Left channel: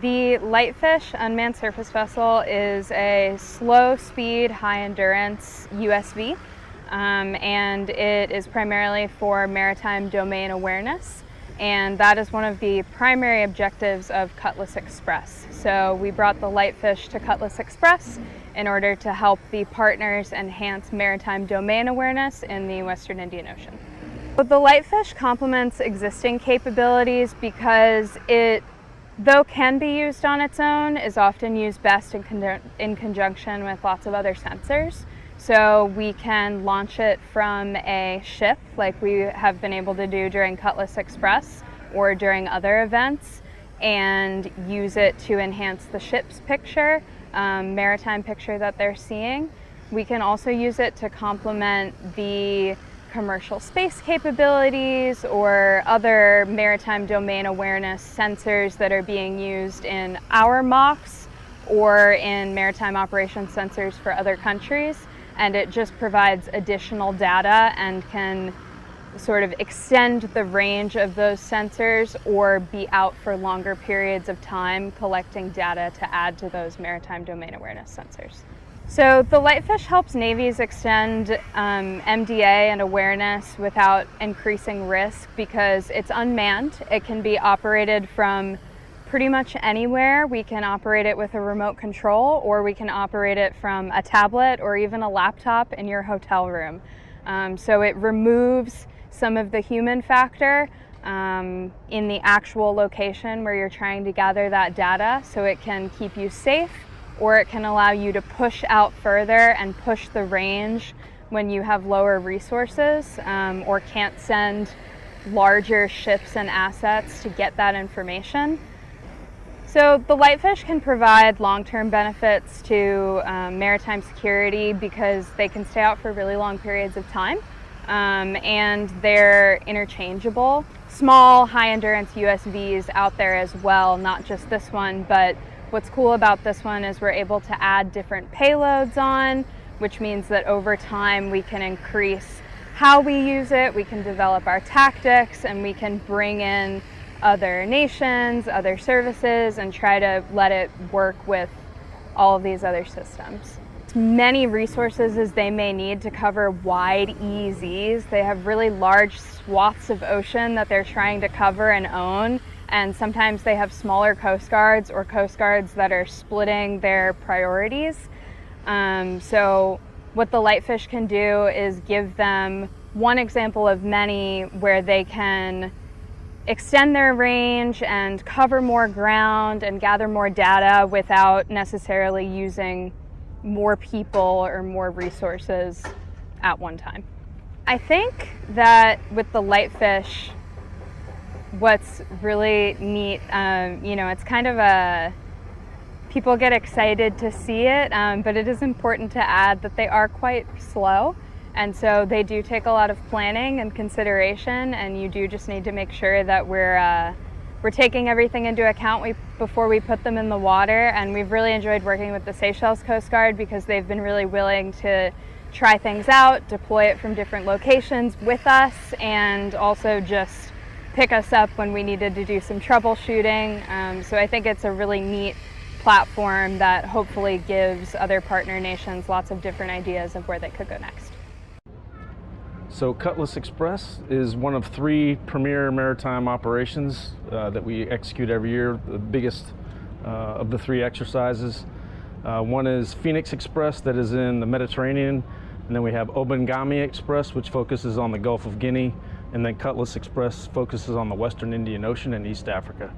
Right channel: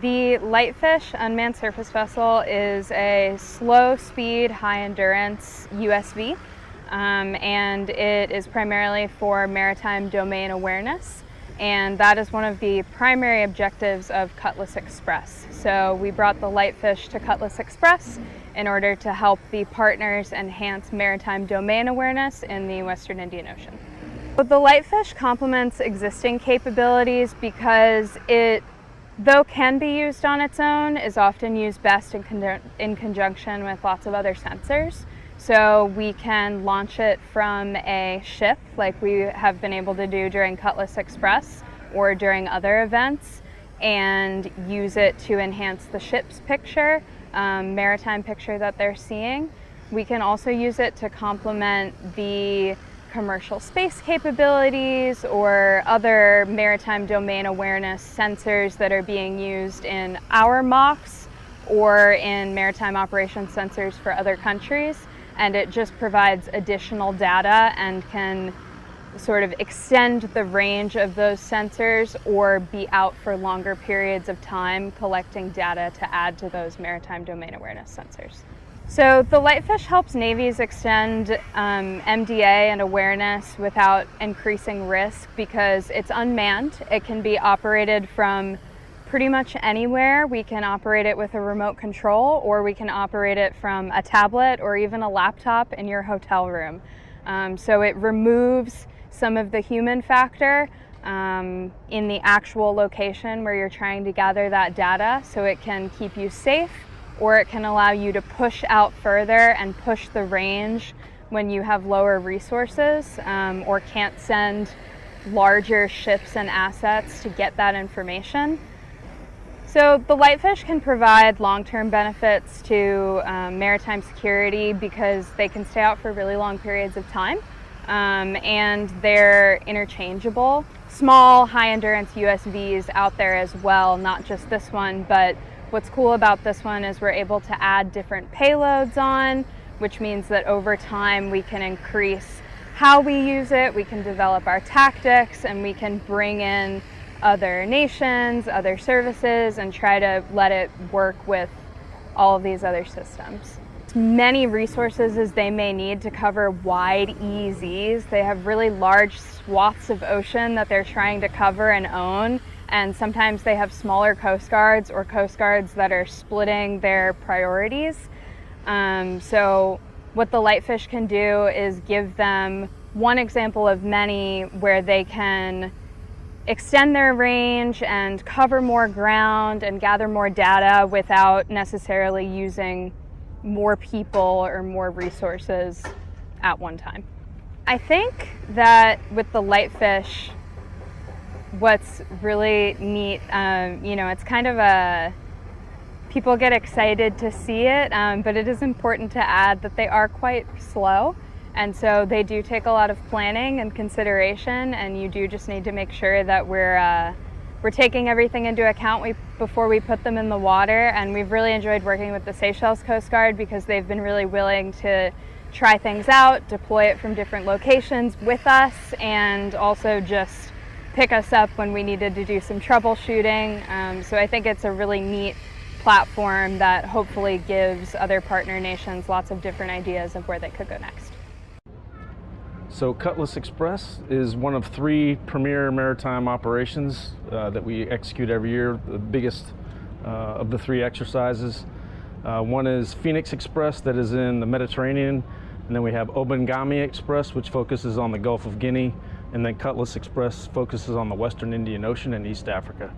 The Lightfish unmanned surface vessel is a slow speed, high endurance USV, and it is primarily for maritime domain awareness, and that is one of the primary objectives of Cutlass Express. So we brought the Lightfish to Cutlass Express in order to help the partners enhance maritime domain awareness in the Western Indian Ocean. The Lightfish complements existing capabilities because it, though can be used on its own, is often used best in conjunction with lots of other sensors. So we can launch it from a ship like we have been able to do during Cutlass Express or during other events, and use it to enhance the ship's picture, maritime picture that they're seeing. We can also use it to complement the commercial space capabilities or other maritime domain awareness sensors that are being used in our mocks or in maritime operations sensors for other countries. And it just provides additional data and can sort of extend the range of those sensors or be out for longer periods of time collecting data to add to those maritime domain awareness sensors. So the Lightfish helps navies extend MDA and awareness without increasing risk because it's unmanned. It can be operated from pretty much anywhere. We can operate it with a remote control, or we can operate it from a tablet or even a laptop in your hotel room. So it removes some of the human factor in the actual location where you're trying to gather that data, so it can keep you safe, or it can allow you to push out further and push the range when you have lower resources or can't send larger ships and assets to get that information. So the Lightfish can provide long-term benefits to maritime security because they can stay out for really long periods of time, and they're interchangeable. Small, high-endurance USVs out there as well, not just this one, but what's cool about this one is we're able to add different payloads on, which means that over time we can increase how we use it, we can develop our tactics, and we can bring in other nations, other services, and try to let it work with all of these other systems. Many resources as they may need to cover wide EEZs. They have really large swaths of ocean that they're trying to cover and own, and sometimes they have smaller coast guards or coast guards that are splitting their priorities. So what the Lightfish can do is give them one example of many where they can extend their range and cover more ground and gather more data without necessarily using more people or more resources at one time. I think that with the Lightfish, what's really neat, it's kind of people get excited to see it, but it is important to add that they are quite slow. And so they do take a lot of planning and consideration, and you do just need to make sure that we're taking everything into account before we put them in the water. And we've really enjoyed working with the Seychelles Coast Guard because they've been really willing to try things out, deploy from different locations with us, and also just pick us up when we needed to do some troubleshooting. So I think it's a really neat platform that hopefully gives other partner nations lots of different ideas of where they could go next. So Cutlass Express is one of 3 premier maritime operations that we execute every year, the biggest of the 3 exercises. One is Phoenix Express that is in the Mediterranean, and then we have Obangami Express, which focuses on the Gulf of Guinea, and then Cutlass Express focuses on the Western Indian Ocean and East Africa.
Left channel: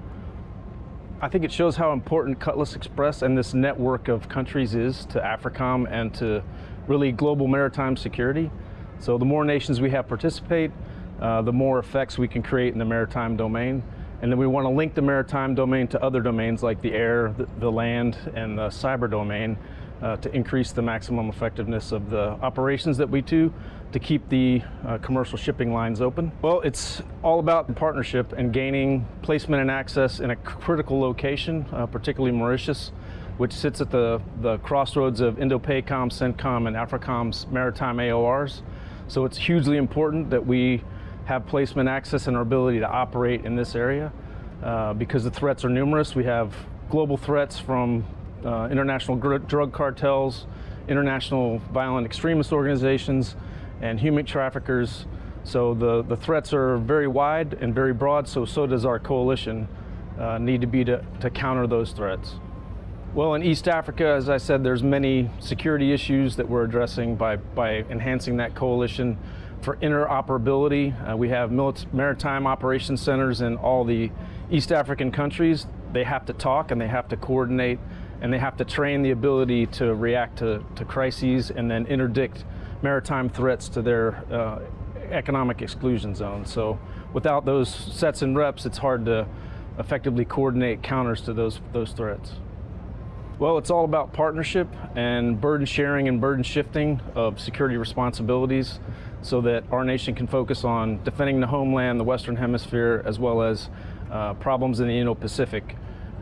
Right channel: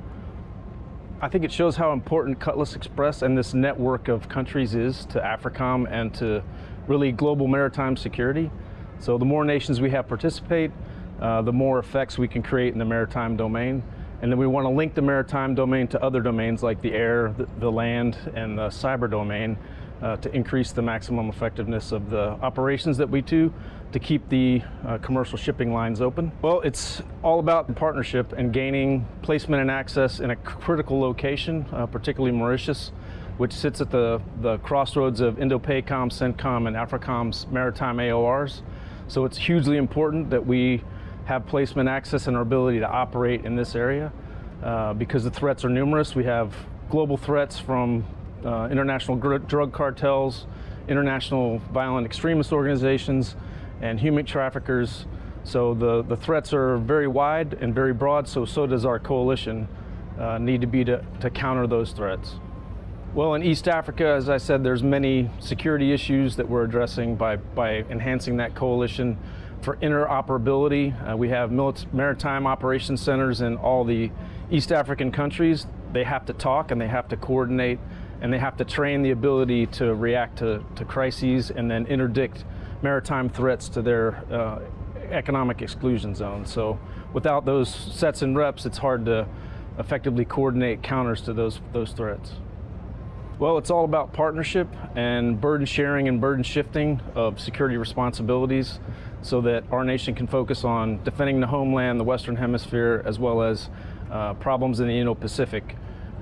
I think it shows how important Cutlass Express and this network of countries is to AFRICOM and to really global maritime security. So the more nations we have participate, the more effects we can create in the maritime domain. And then we want to link the maritime domain to other domains like the air, the land, and the cyber domain to increase the maximum effectiveness of the operations that we do to keep the commercial shipping lines open. Well, it's all about partnership and gaining placement and access in a critical location, particularly Mauritius, which sits at the crossroads of Indo-PACOM, CENTCOM, and AFRICOM's maritime AORs. So it's hugely important that we have placement access and our ability to operate in this area because the threats are numerous. We have global threats from international drug cartels, international violent extremist organizations, and human traffickers. So the threats are very wide and very broad, so does our coalition need to be to counter those threats. Well, in East Africa, as I said, there's many security issues that we're addressing by enhancing that coalition. For interoperability, we have maritime operations centers in all the East African countries. They have to talk and they have to coordinate and they have to train the ability to react to crises and then interdict maritime threats to their economic exclusion zones. So without those sets and reps, it's hard to effectively coordinate counters to those threats. Well, it's all about partnership and burden sharing and burden shifting of security responsibilities so that our nation can focus on defending the homeland, the Western Hemisphere, as well as problems in the Indo-Pacific.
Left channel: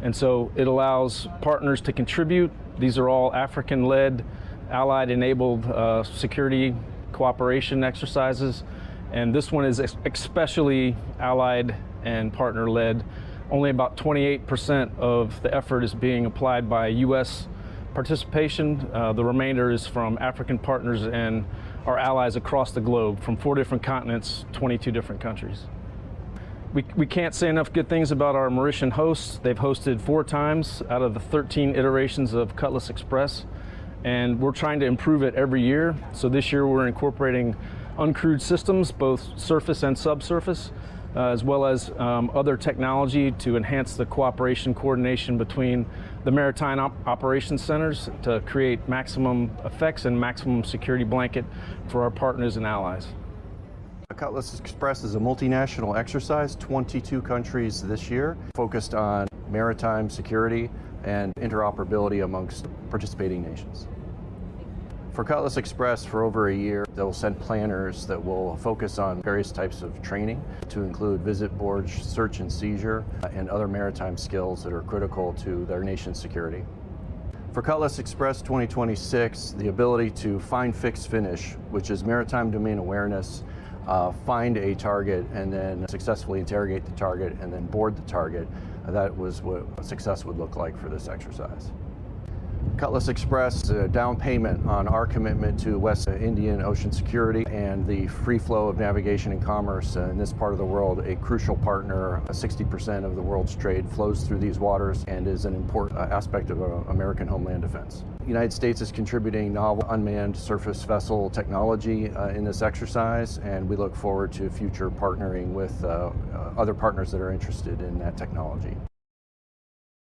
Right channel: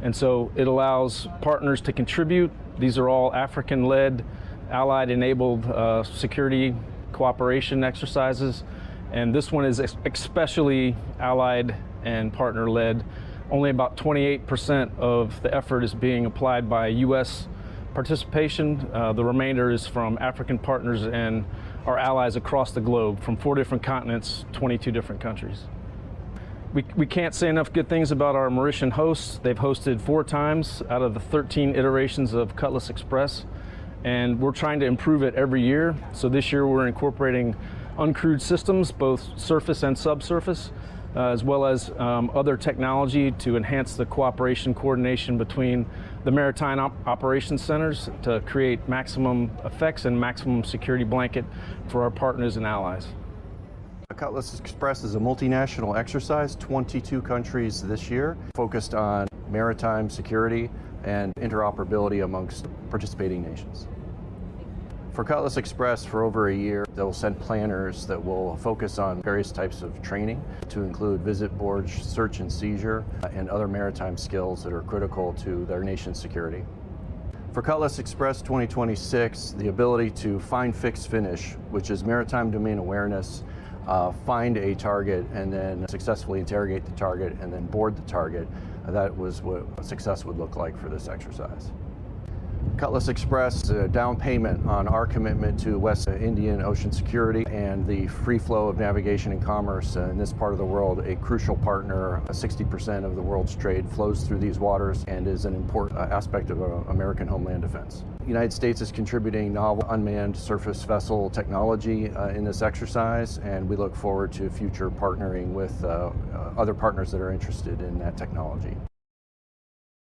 And so it allows partners to contribute. These are all African-led, allied-enabled security cooperation exercises. And this one is especially allied and partner-led. Only about 28% of the effort is being applied by U.S. participation. The remainder is from African partners and our allies across the globe, from 4 different continents, 22 different countries. We can't say enough good things about our Mauritian hosts. They've hosted 4 times out of the 13 iterations of Cutlass Express, and we're trying to improve it every year. So this year we're incorporating uncrewed systems, both surface and subsurface, as well as other technology to enhance the cooperation coordination between the maritime operations centers to create maximum effects and maximum security blanket for our partners and allies. Cutlass Express is a multinational exercise, 22 countries this year, focused on maritime security and interoperability amongst participating nations. For Cutlass Express, for over a year, they'll send planners that will focus on various types of training to include visit board, search and seizure, and other maritime skills that are critical to their nation's security. For Cutlass Express 2026, the ability to find, fix, finish, which is maritime domain awareness, find a target and then successfully interrogate the target and then board the target, that was what success would look like for this exercise. Cutlass Express, a down payment on our commitment to West Indian Ocean security and the free flow of navigation and commerce in this part of the world, a crucial partner. 60% of the world's trade flows through these waters and is an important aspect of American homeland defense. The United States is contributing novel unmanned surface vessel technology in this exercise, and we look forward to future partnering with other partners that are interested in that technology.